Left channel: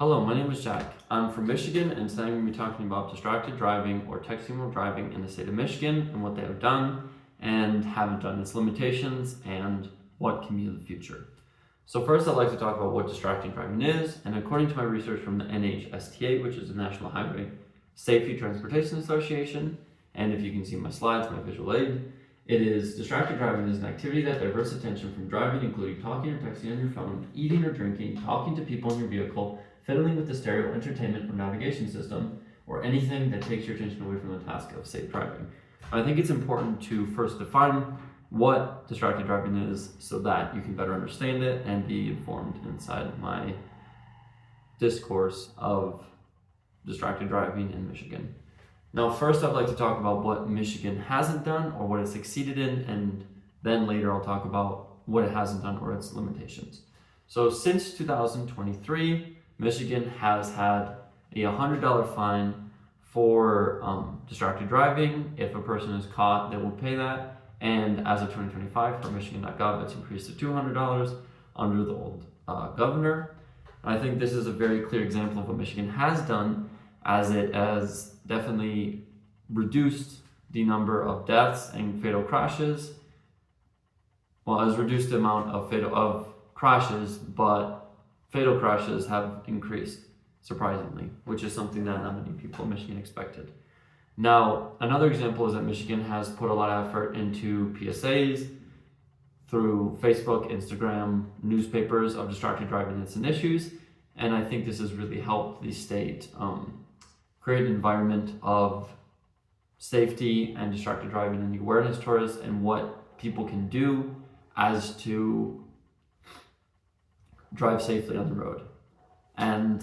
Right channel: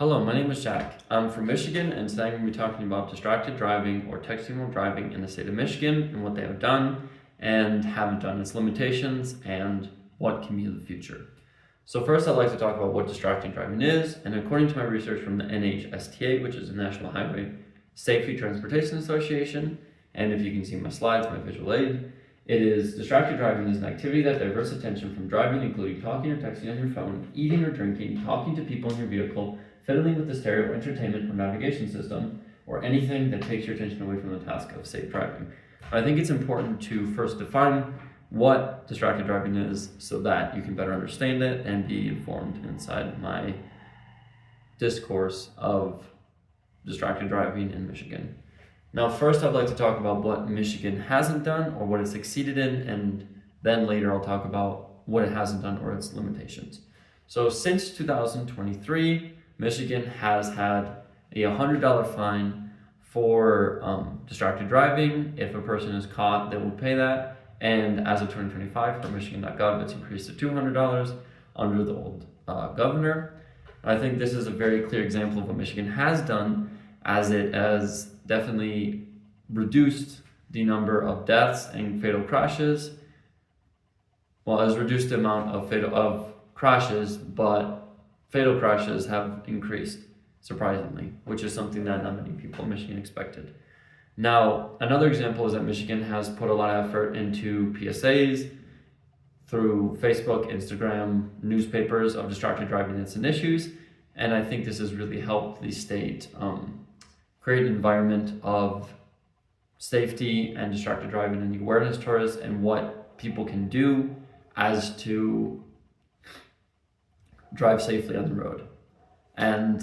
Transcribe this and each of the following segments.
Hello, my name is Jack. I'm from Michigan, and today I'm going to be talking about distracted driving or texting while driving in the state of Michigan and what they have done and haven't done, its limitations, and what can be in the future. So first, I'd like to talk about what distracted driving is, and according to my research from the NHSTA, which is the National Highway Safety Transportation Association, and if you can see my slides, my visual aid, it is distracted driving is an activity that diverts attention from driving, including talking or texting on your phone, eating or drinking, talking to people in your vehicle, fiddling with the stereo, entertainment, or navigation system, or anything that takes your attention away from the task of safe driving. I think it's important to first define what distracted driving is so that you can better understand it and be informed inside my discourse of distracted driving in Michigan. Now, first I'd like to talk about what Michigan hasn't done or what it succeeded in, and then later I'll talk about what it hasn't done or its limitations. So since 2023, Michigan has had a $100 fine for distracted driving. If a person is caught, they will pay that. And as of 2025, for Michigan.gov, it's increased to $200 under the old governor. I think this is a very clear example of what Michigan has done, as it has definitely reduced the number of deaths and fatal crashes. Well, it has reduced the amount of crashes, but fatal crashes have increased, surprisingly, which is something that not many people in Michigan expected. Now, another example is that Michigan has put a lot of effort into PSAs through Facebook, Instagram, newspapers of distracted driving and its issues, and I think this has really helped the state create an environment of safety and distracted driving and awareness towards and what people can do as to drive safely on the road. And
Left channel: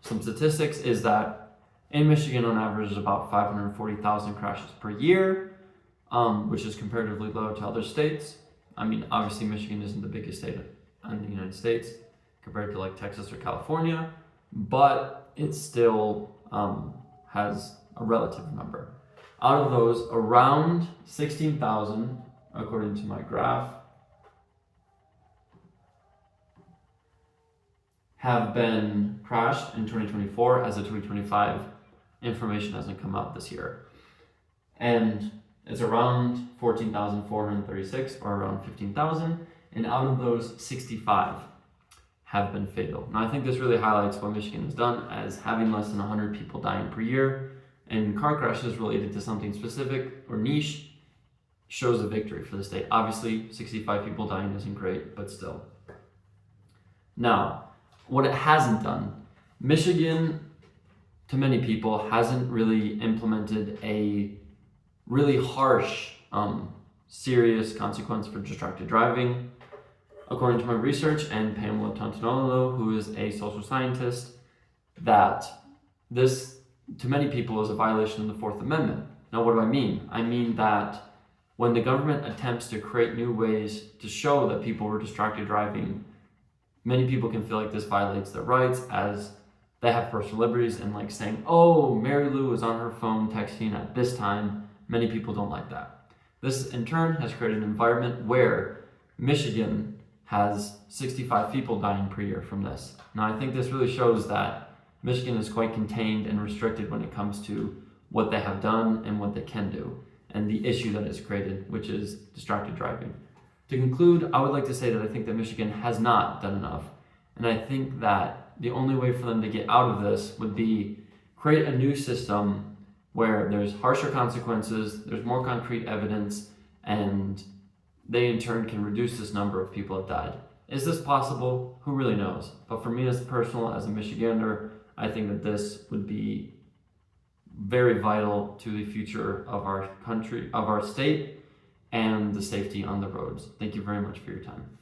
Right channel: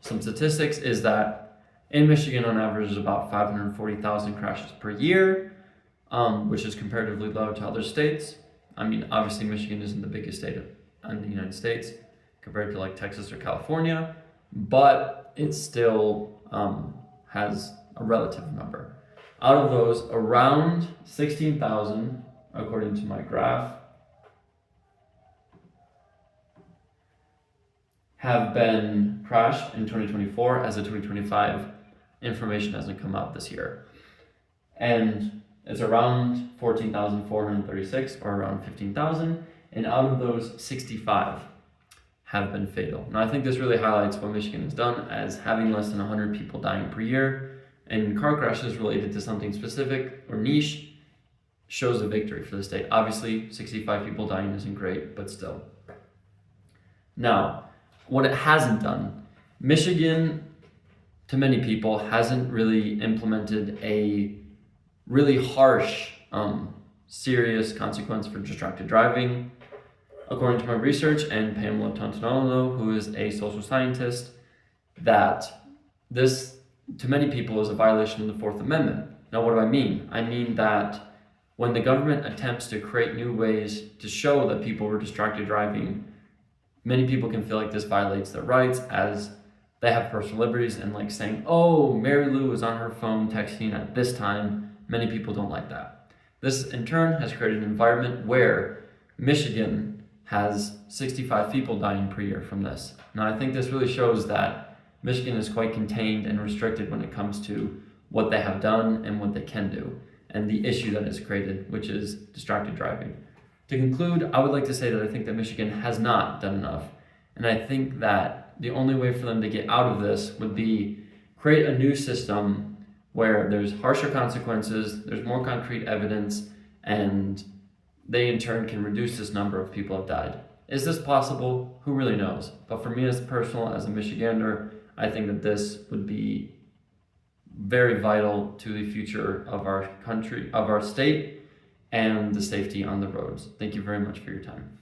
some statistics is that in Michigan, on average, there's about 540,000 crashes per year, which is comparatively low to other states. I mean, obviously, Michigan isn't the biggest state in the United States compared to like Texas or California, but it still has a relative number. Out of those, around 16,000, according to my graph, have been crashed in 2024, as the 2025 information hasn't come out this year. And it's around 14,436 or around 15,000, and out of those, 65 have been fatal. Now, I think this really highlights what Michigan has done as having less than 100 people dying per year, and car crashes related to something specific or niche shows a victory for the state. Obviously, 65 people dying isn't great, but still. Now, what it hasn't done, Michigan, to many people, hasn't really implemented a really harsh, serious consequence for distracted driving. According to my research and Pamela Tantanolo, who is a social scientist, that this, to many people, is a violation of the Fourth Amendment. Now, what do I mean? I mean that when the government attempts to create new ways to show that people were distracted driving, many people can feel like this violates their rights, as they have personal liberties, and like saying, oh, Mary Lou was on her phone texting at this time. Many people don't like that. This, in turn, has created an environment where Michigan has 65 people dying per year from this. Now, I think this really shows that Michigan is quite contained and restricted when it comes to what they have done and what they can do, and the issue that is created, which is distracted driving. To conclude, I would like to say that I think that Michigan has not done enough, and I think that the only way for them to get out of this would be create a new system where there's harsher consequences, there's more concrete evidence, and they in turn can reduce this number of people have died. Is this possible? Who really knows? But for me as personal, as a Michigander, I think that this would be very vital to the future of our country, of our state, and the safety on the roads. Thank you very much for your time.